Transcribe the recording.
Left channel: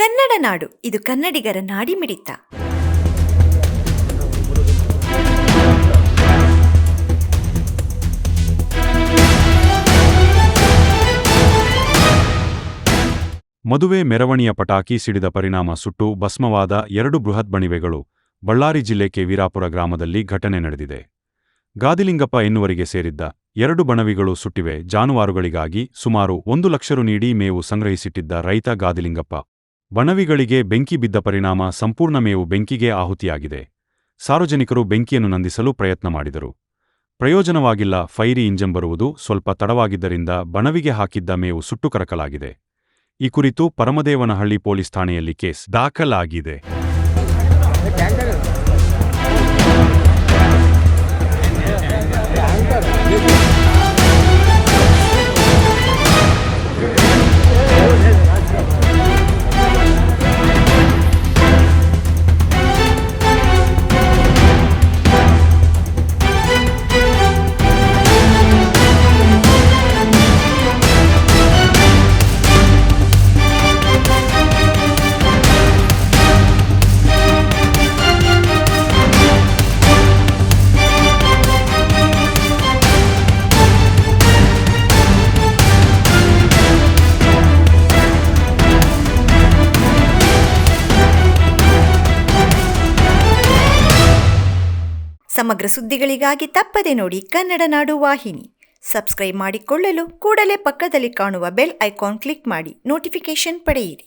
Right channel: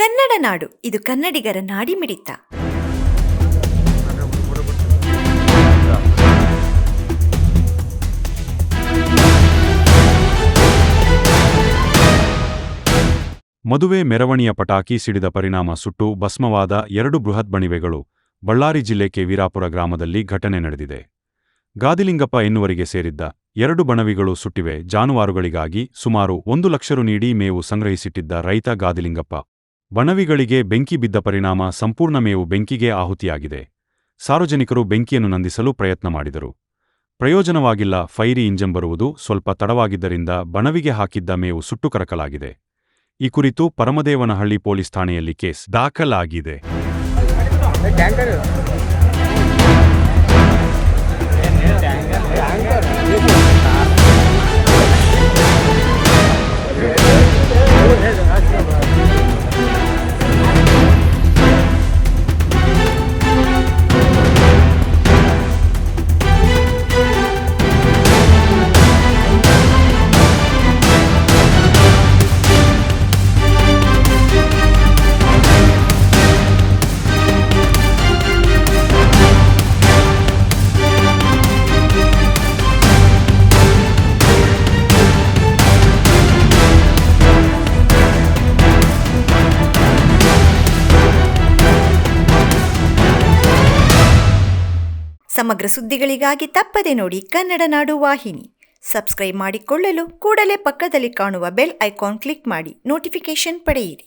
ಕನ್ನಡ ನಾಡು, ಇದು ಕನ್ನಡಿಗರ ನಾಡಿಮಿಡಿತ. ಮದುವೆ ಮೆರವಣಿಯ ಪಟಾಕಿ ಸಿಡಿದ ಪರಿಣಾಮ ಸುಟ್ಟು ಭಸ್ಮವಾದ 2 ಬೃಹತ್ ಬಣಿವೆಗಳು. ಬಳ್ಳಾರಿ ಜಿಲ್ಲೆ ಕೆ ವೀರಾಪುರ ಗ್ರಾಮದಲ್ಲಿ ಘಟನೆ ನಡೆದಿದೆ. ಗಾದಿಲಿಂಗಪ್ಪ ಎನ್ನುವರಿಗೆ ಸೇರಿದ್ದ 2 ಬಣವಿಗಳು ಸುಟ್ಟಿವೆ. ಜಾನುವಾರುಗಳಿಗಾಗಿ ಸುಮಾರು 1 ಲಕ್ಷ ರು ನೀಡಿ ಮೇವು ಸಂಗ್ರಹಿಸಿಟ್ಟಿದ್ದ ರೈತ ಗಾದಿಲಿಂಗಪ್ಪ ಬಣವಿಗಳಿಗೆ ಬೆಂಕಿ ಬಿದ್ದ ಪರಿಣಾಮ ಸಂಪೂರ್ಣ ಮೇವು ಬೆಂಕಿಗೆ ಆಹುತಿಯಾಗಿದೆ. ಸಾರ್ವಜನಿಕರು ಬೆಂಕಿಯನ್ನು ನಂದಿಸಲು ಪ್ರಯತ್ನ ಮಾಡಿದರು. ಪ್ರಯೋಜನವಾಗಿಲ್ಲ. ಫೈರಿ ಇಂಜನ್ ಬರುವುದು ಸ್ವಲ್ಪ ತಡವಾಗಿದ್ದರಿಂದ ಬಣವಿಗೆ ಹಾಕಿದ್ದ ಮೇವು ಸುಟ್ಟು ಕರಕಲಾಗಿದೆ. ಈ ಕುರಿತು ಪರಮದೇವನಹಳ್ಳಿ ಪೊಲೀಸ್ ಠಾಣೆಯಲ್ಲಿ ಕೇಸ್ ದಾಖಲಾಗಿದೆ. ಸಮಗ್ರ ಸುದ್ದಿಗಳಿಗಾಗಿ ತಪ್ಪದೆ ನೋಡಿ ಕನ್ನಡ ನಾಡು ವಾಹಿನಿ. ಸಬ್ಸ್ಕ್ರೈಬ್ ಮಾಡಿಕೊಳ್ಳಲು ಕೂಡಲೇ ಪಕ್ಕದಲ್ಲಿ ಕಾಣುವ ಬೆಲ್ ಐಕಾನ್ ಕ್ಲಿಕ್ ಮಾಡಿ ನೋಟಿಫಿಕೇಶನ್ ಪಡೆಯಿರಿ.